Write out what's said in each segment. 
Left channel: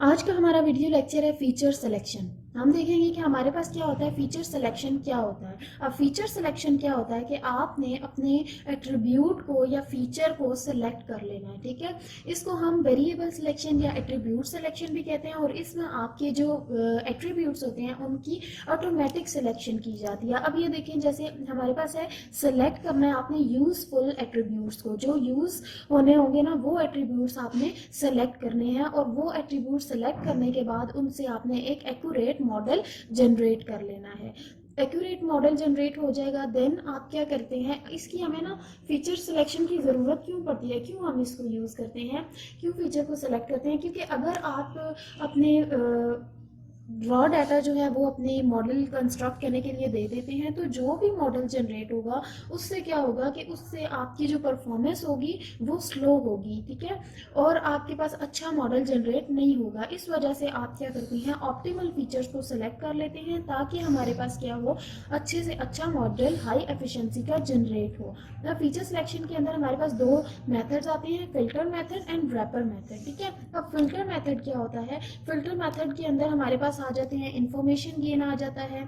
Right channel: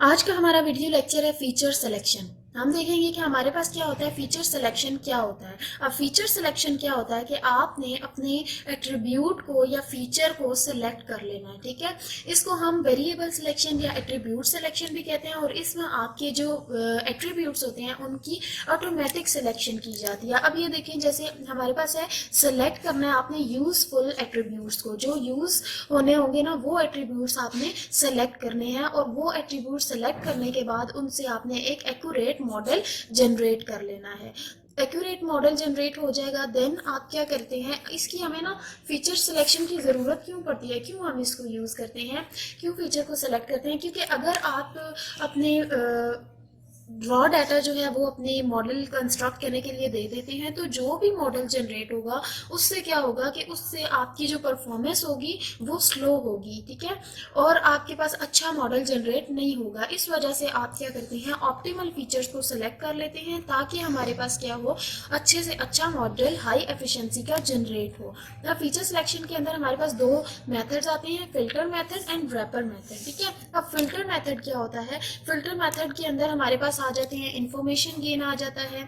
आज का हमारा वीडियो लेक्चर है फीचर सिलेक्शन। हम देखेंगे कि हमारे पास क्या होता है, फीचर सिलेक्शन क्या होता है। अब फीचर सिलेक्शन क्या होता है कि आपने अपने एट्रीब्यूट को या फीचर को सिलेक्ट कर लेना है, ठीक है। इसको हम वेरिएबल सिलेक्शन या एट्रीब्यूट सिलेक्शन भी कहते हैं और इसमें आपके जो एट्रीब्यूट्स होते हैं उनकी ऑटोमेटिक सिलेक्शन की जाती है। अब ये देखें, जैसे हमारे पास है सिलेक्ट करना है आपने यूजफुल एट्रीब्यूट्स को, जो यूज होने होंगे ना वो एट्रीब्यूट्स आपने सेलेक्ट करने हैं और वो एट्रीब्यूट सेलेक्ट करने के बाद उनसे आपने एक एक्यूरेट मॉडल जनरेट कर लेना है। एक्यूरेट मॉडल जनरेट हो जाएगा, देन आप क्या करते हैं, इसकी हमें ना फीचर सिलेक्शन की ज़रूरत क्यों पड़ती है, क्यों हम इसको यूज़ करते हैं, क्यों फीचर को सेलेक्ट करते हैं। क्योंकि अगर आप अपने रॉ डाटा जो है वो अपने मॉडल कंस्ट्रक्ट करने के लिए दे देते हैं तो जो भी मॉडल जनरेट होगा उससे क्या होगा कि उससे आपकी जो परफॉर्मेंस होगी वो स्लो होगी, ठीक है, और आपके पास अच्छा मॉडल जनरेट नहीं होगा। इस वजह से आप क्या करते हैं, ऑप्टिमल फीचर्स को सिलेक्ट कर लेते हैं ताकि हमारे पास क्या हो, अच्छे से अच्छा मॉडल हाई एफिशिएंसी का जनरेट हो। अब फीचर सिलेक्शन के अंदर हमारे पास दो मेथड्स आते हैं, filter method and wrapper method, ठीक है। अब फिल्टर मेथड क्या होता है, फिल्टर मेथड के अंदर हमारे पास आ जाते हैं इंफॉर्मेशन गेन आ जाता है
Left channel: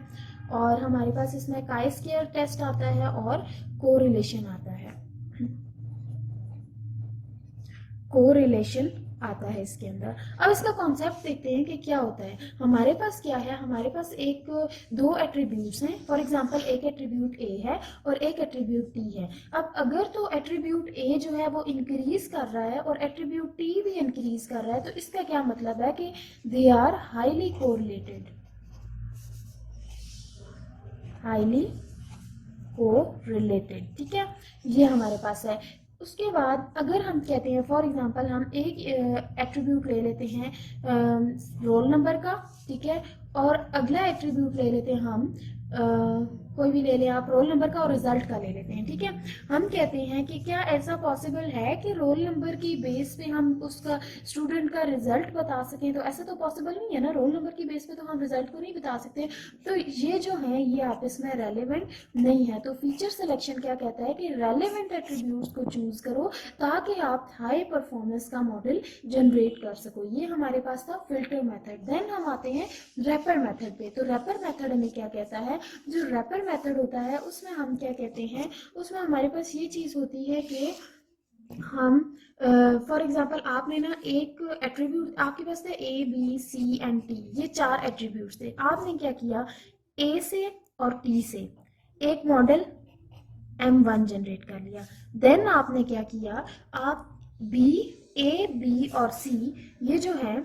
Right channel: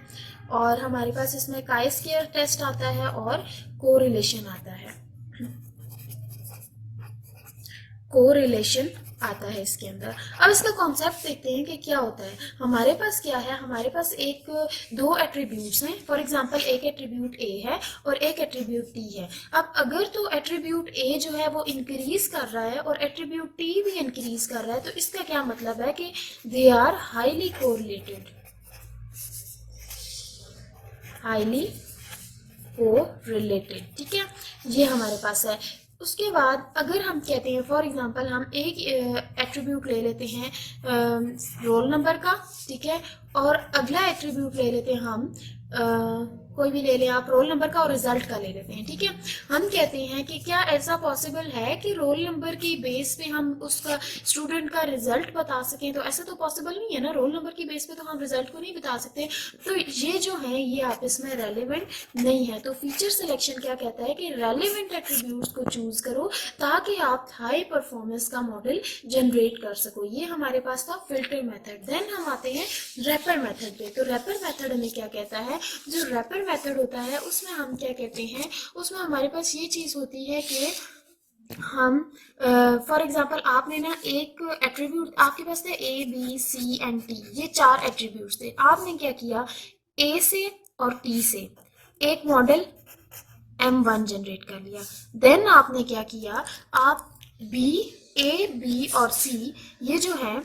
और हमारे पास इसमें काई स्क्वायर टेस्ट आता है और कोरिलेशन आता है, कोरिलेशन आता है इसके अंदर। अब इसका कॉन्सेप्ट देखते हैं कि क्या होता है। हमारे पास क्या है, हमारे पास एक दो एट्रीब्यूट्स हैं। फॉर एग्जांपल एक एट्रीब्यूट ए है और एक एट्रीब्यूट टी है। अब अगर तो एट्रीब्यूट ए जो है वो इंक्रीज कर रहा है और एट्रीब्यूट टी भी इंक्रीज कर रहा है तो इसका क्या मतलब है कि they are highly correlated, highly correlated, ठीक है। ये हमारे पास है। उसके बाद अगर हम कहते हैं, फॉर एग्जांपल हम एक एट्रीब्यूट ले लेते हैं रोल नंबर का, ठीक है, और अगला एट्रीब्यूट ले लेते हैं हम कोई भी ले लें आप, रोल नंबर का और रिजल्ट का ले लेते हैं, ठीक है। हम कहते हैं कि क्या ऐसा पॉसिबल है कि रोल नंबर की बेस पे हम उसका स्टूडेंट का रिजल्ट बता सकें, तो ऐसा तो पॉसिबल नहीं है ना, रोल नंबर की बेस पे तो हम रिजल्ट को नहीं बता सकते। तो ये जो है ये आपस में रेलिवेंट नहीं है। तो फीचर सिलेक्शन क्या कहता है कि रेलिवेंट एट्रीब्यूट्स को चूज करो ताकि आप हाई परफॉर्मेंस का मॉडल जनरेट कर सको। ये हमारे पास था फिल्टर मेथड। देन हम आते हैं रैपर मेथड पे। तो रैपर मेथड हमें क्या कहता है, जो रैपर मेथड होता है उसमें हम क्या कहते हैं, उसमें हमारे पास ये चीज होती है कि हम फॉर एग्जांपल आपने ना एक एट्रीब्यूट, आपके पास थे A B C and T, ये चार एट्रीब्यूट्स थे। आपने क्या किया, ए से और टी से एक मॉडल M1 जनरेट कर लिया। देन आपने क्या किया, आप बी, ए बी और सी ये जो है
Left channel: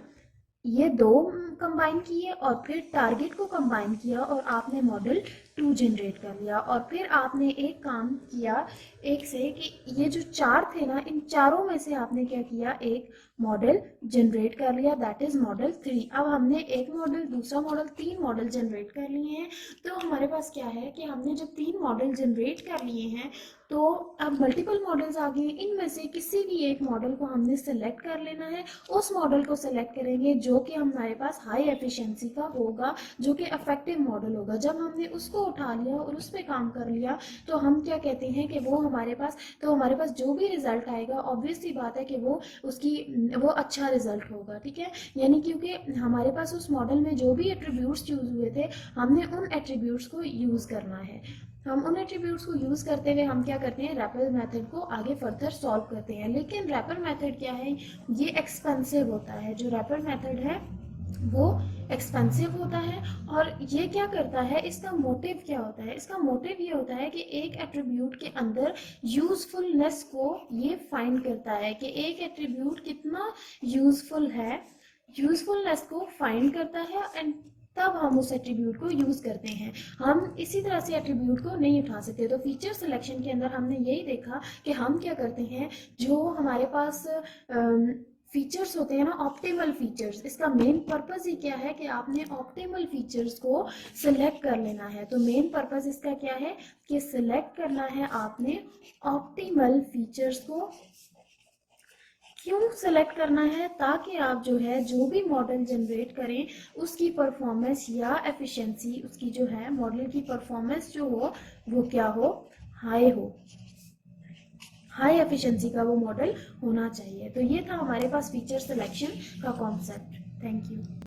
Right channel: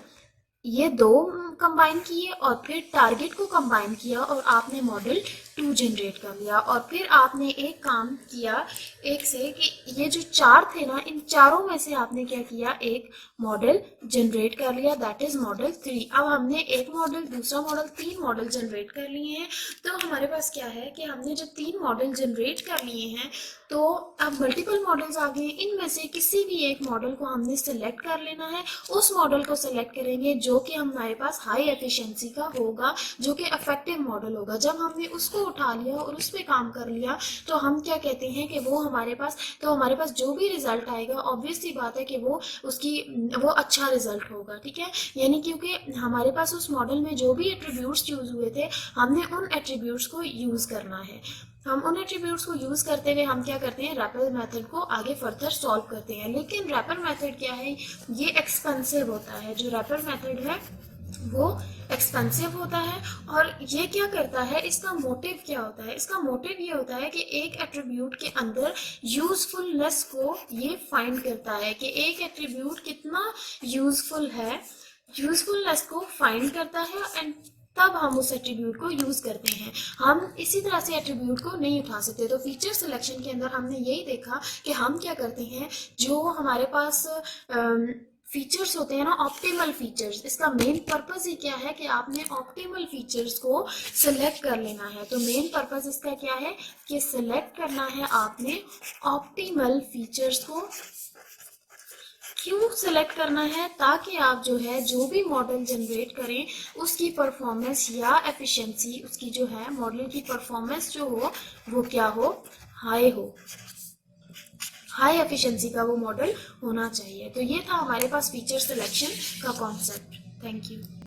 ये दो कंबाइन किए और फिर टारगेट को कंबाइन किया और आपने मॉडल 2 जनरेट कर लिया। और फिर आपने एक काम किया एक से कि ये जो चार थे ना, इन चारों में से आपने क्या किया, एक मॉडल जनरेट कर लिया, दैट इज मॉडल 3। अब हमने एक मॉडल, दूसरा मॉडल, तीन मॉडल जनरेट कर लिए हैं। तो हमारे पास क्या है कि हमने जब तीन मॉडल जनरेट कर लिए हैं तो अब मल्टीपल मॉडल्स आ गए, इनमें से किसी भी एक मॉडल को हमने सेलेक्ट कर लेना है। उस मॉडल को सेलेक्ट करेंगे जो कि हमारे पास हाई एफिशिएंसी का होगा, जो कि इफेक्टिव मॉडल होगा। जब हमने उसको उठा लिया और उस पर काम कर लिया तो हम क्या कहते हैं कि वो हमारे पास, तो हमारे पास जो भी रिजल्ट आएगा ऑब्वियस सी बात है कि वो उसकी वो अच्छा रिजल्ट होगा, ठीक है। यानी क्योंकि हमारे पास उस मॉडल में जो भी एट्रीब्यूट्स यूज हुए थे हमने उन एट्रीब्यूट्स को यूज करना है। हम उन एट्रीब्यूट्स को यूज करते हुए हम क्या करते हैं, रैपर मेथड को आगे फर्दर सॉल्व करते हैं। लेकिन रैपर मेथड क्या है, ये एक्सपेंसिव होता है। जो रैपर मेथड है वो एक्सपेंसिव होता है। और ये क्या करता है, इसका मोटिव क्या होता है, इसका मोटिव ये होता है कि एक एट्रीब्यूट के अंदर यूजफुलनेस को ये फाइंड करता है कि एक एट्रीब्यूट कितना यूजफुल है, यूजफुलनेस को फाइंड करता है एंड तब हम उस एट्रीब्यूट को यूज करते हैं। हम इसी तरह से एट्रीब्यूट को नहीं उठा सकते। तो फीचर सिलेक्शन के अंदर हमने यही देखा कि हम क्या करते हैं, जो हमारे पास फीचर्स होते हैं ना, ऑप्टिमल फीचर्स, इसका मेन पर्पस ही क्या है कि आपने ऑप्टिमल फीचर्स को सिलेक्ट कर लेना है। तो मेन पर्पस इसका क्या है कि सिलेक्ट करना है आपने ऑप्टिमल फीचर्स को। क्यों सेलेक्ट करना है, ताकि आप जो है जो भी मॉडल जनरेट करें उसकी परफॉर्मेंस या एफिशिएंसी, उसकी जो है मॉडल की परफॉर्मेंस जो हो वो क्या हो, हाई हो, हाई एफिशिएंसी का वो मॉडल होना चाहिए। तो ये था हमारे पास फीचर सिलेक्शन का कॉन्सेप्ट। Thank you.